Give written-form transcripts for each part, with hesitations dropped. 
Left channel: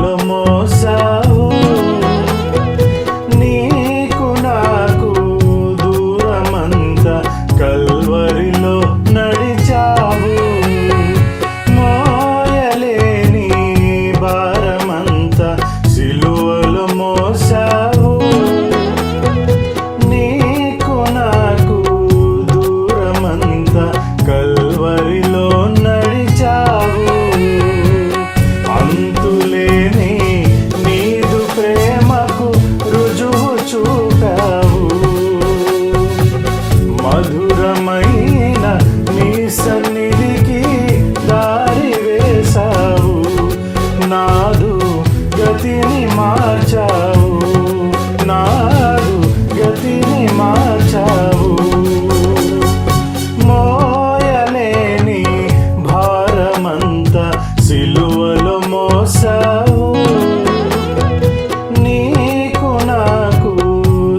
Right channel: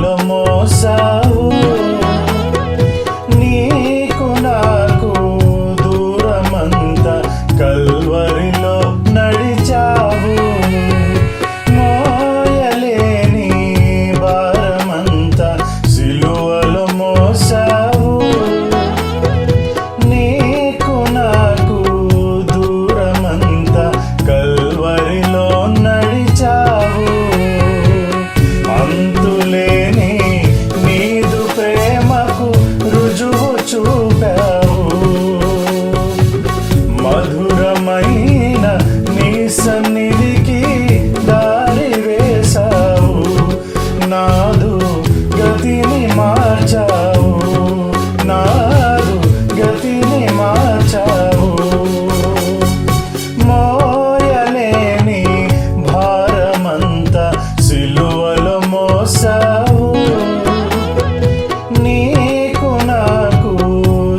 సిలువలో మోసావు, నీకు నాకు దూరమంతా కల్వరిలో నడిచావు. మోయలేని భారమంతా సిలువలో మోసావు, నీకు నాకు దూరమంతా కల్వరిలో నడిచావు. అంతులేని నీదు ప్రేమకు రుజువు చూపావు, మధురమైన నీ సన్నిధికి దారి వేశావు. నాదు గతిని మార్చావు, నాదు గతిని మార్చావు. మోయలేని భారమంతా సిలువలో మోసావు, నీకు నాకు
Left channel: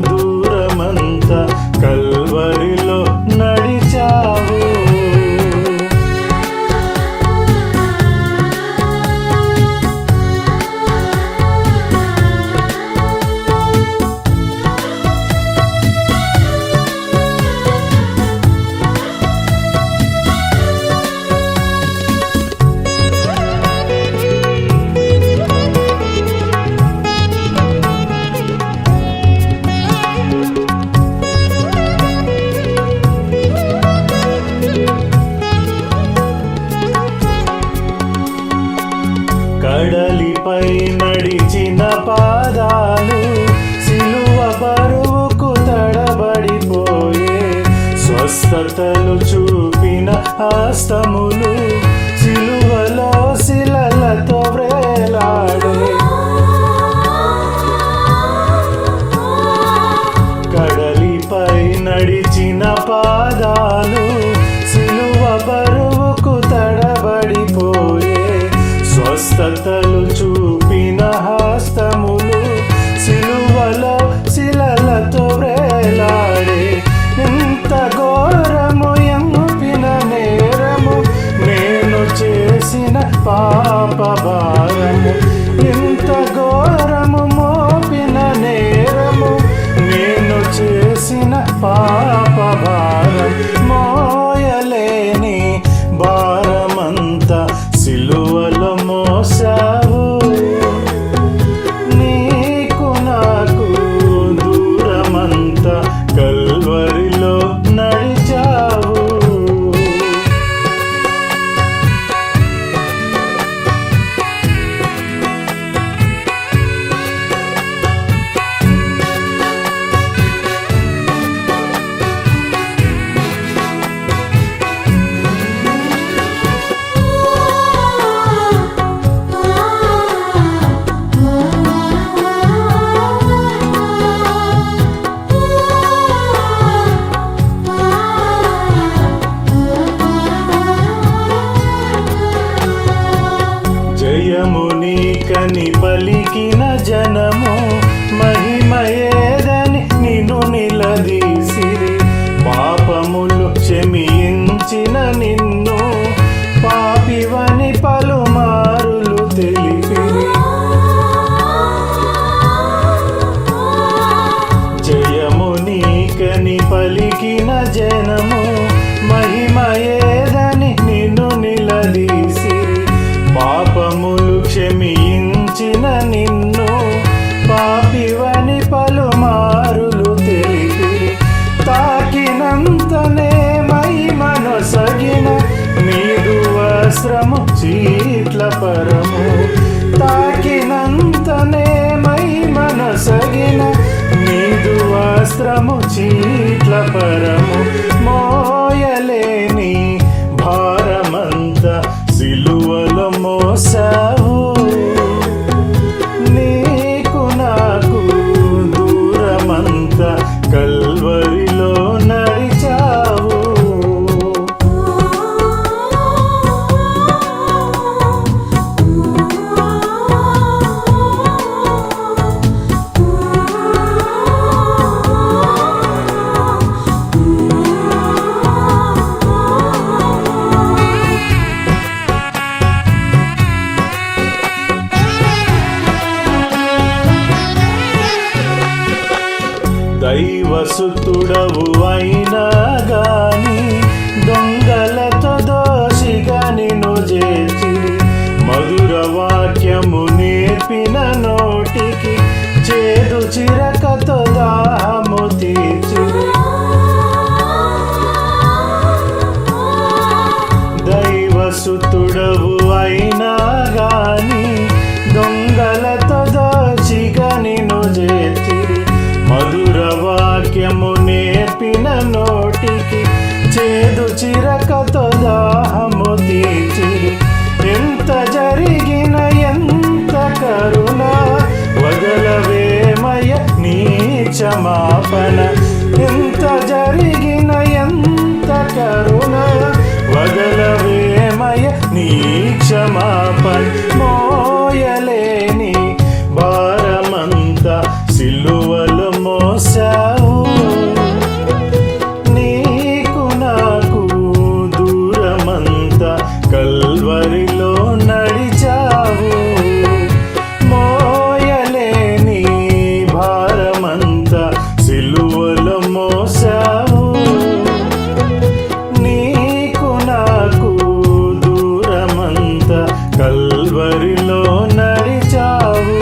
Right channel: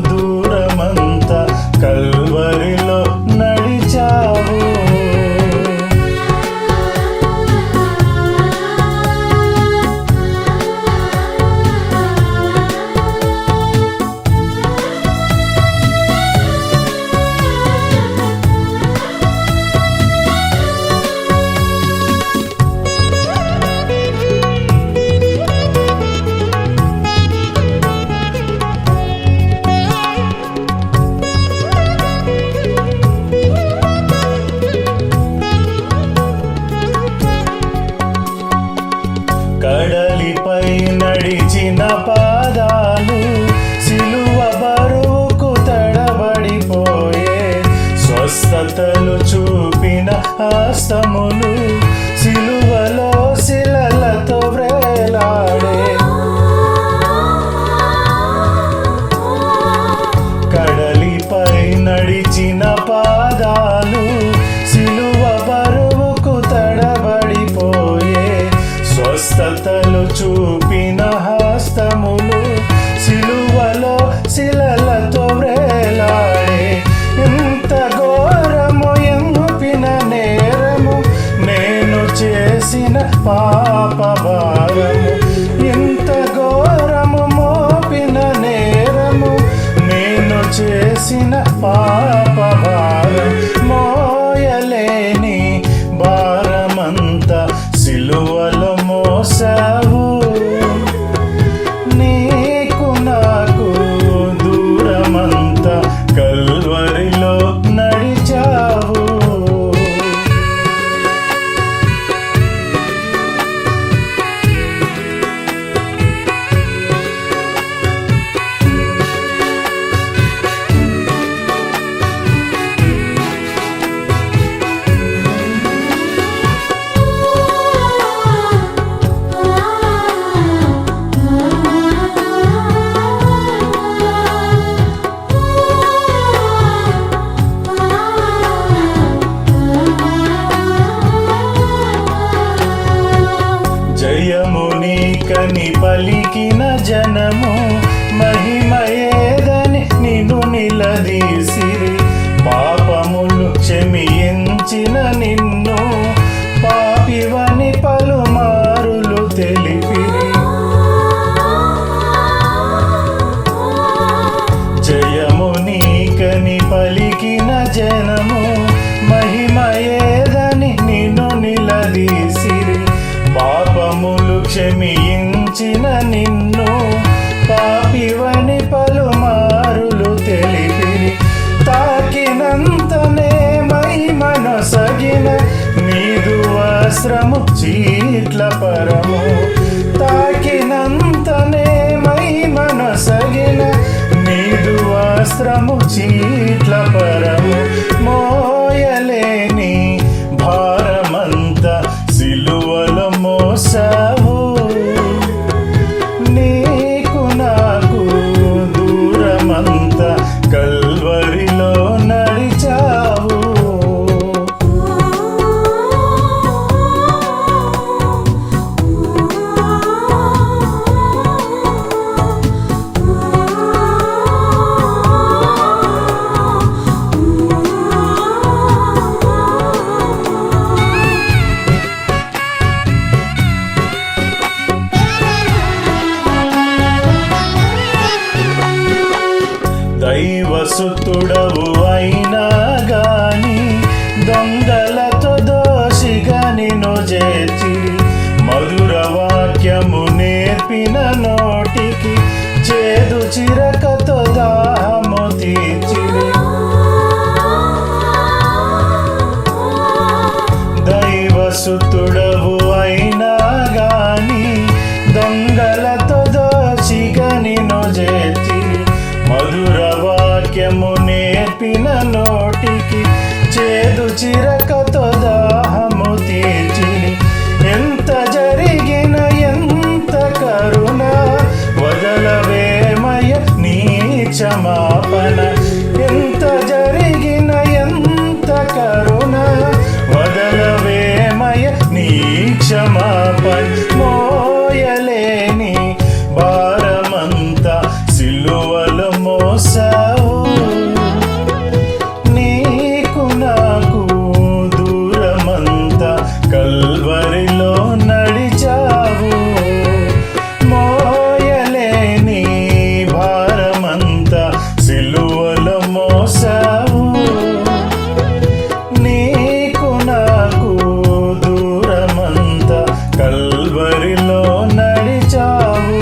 దూరమంతా కల్వరిలో నడిచావు. కడలిపై నడిచిన పాదాలు సిలువ బరువుకు తడబడిపోయే, స్వస్థతలు చూపిన హస్తములు సిలువలో శిలలతో వ్రేలాడే. కడలిపై నడిచిన పాదాలు సిలువ బరువుకు తడబడిపోయే, స్వస్థతలు చూపిన హస్తములు సిలువలో శిలలతో వ్రేలాడే. ఇంత ఘోరము ఎంపిన నేరము, నేను చేసిన పాప భారము. ఇంత ఘోరము మోపిన నేరము, నేను చేసిన పాప భారం. మోయలేని భారమంతా సిలువలో మోసావు, నీకు నాకు దూరమంతా కల్వరిలో నడిచావు. జయము నీకని పలికిన జనము, మహిమయేదని నిన్ను నిలదీసిరి. పాపములు క్షమించిన నిన్ను పాపివని పలుమారులు తెలిపిరి. జయము నీకని పలికిన జనము, మహిమయేదని నిన్ను నిలదీసిరి. పాపములు క్షమించిన నిన్ను పాపివని పలుమారులు తెలిపిరి. తాకినంతనే మహిమనొసగిన నీదు వస్త్రము చీట్ల పరము. తాకినంతనే మహిమనొసగిన నీదు వస్త్రము చీట్ల పరము. మోయలేని భారమంతా సిలువలో మోసావు, నీకు నాకు దూరమంతా కల్వరిలో నడిచావు. దైవసుతుడవు అయినా గాని దొంగలతో దోషిగా నిన్ను చేర్చిరి. మధుర వాక్యము నేర్పిన నోటికి చేదు చిరకతో దాహము తీర్చిరి. దైవసుతుడవు అయినా గాని దొంగలతో దోషిగా నిన్ను చేర్చిరి. మధుర వాక్యము నేర్పిన నోటికి చేదు చిరకతో దాహము తీర్చిరి. ఎంత జరిగిన ఎంత కరుణ వదలవేమయ నీ క్షమాపణ. ఎంత జరిగిన ఎంత కరుణ వదలవేమయ నీ క్షమాపణ. మోయలేని భారమంతా సిలువలో మోసావు. నీకు నాకు దూరమంతా కల్వరిలో నడిచావు. మోయలేని భారమంతా సిలువలో మోసావు. నీకు నాకు దూరమంతా కల్వరిలో నడిచావు.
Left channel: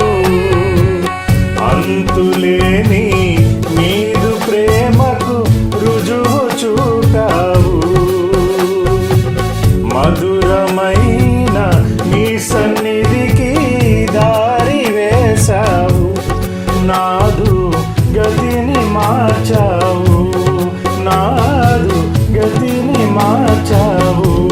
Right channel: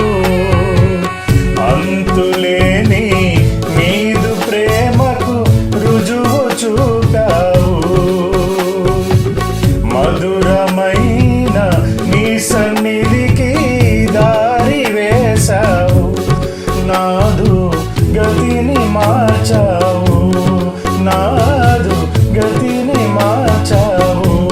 అంతులేని నీదు ప్రేమకు రుజువు చూపావు. మధురమైన నీ సన్నిధికి దారి వేశావు. నాదు గతిని మార్చావు. నాదు గతిని మార్చావు.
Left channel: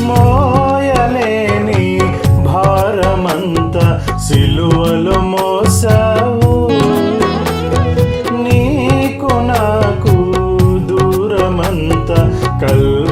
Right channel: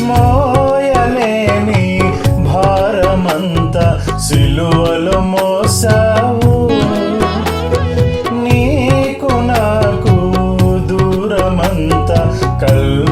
మోయలేని భారమంతా సిలువలో మోసావు. నీకు నాకు దూరమంతా కల్వ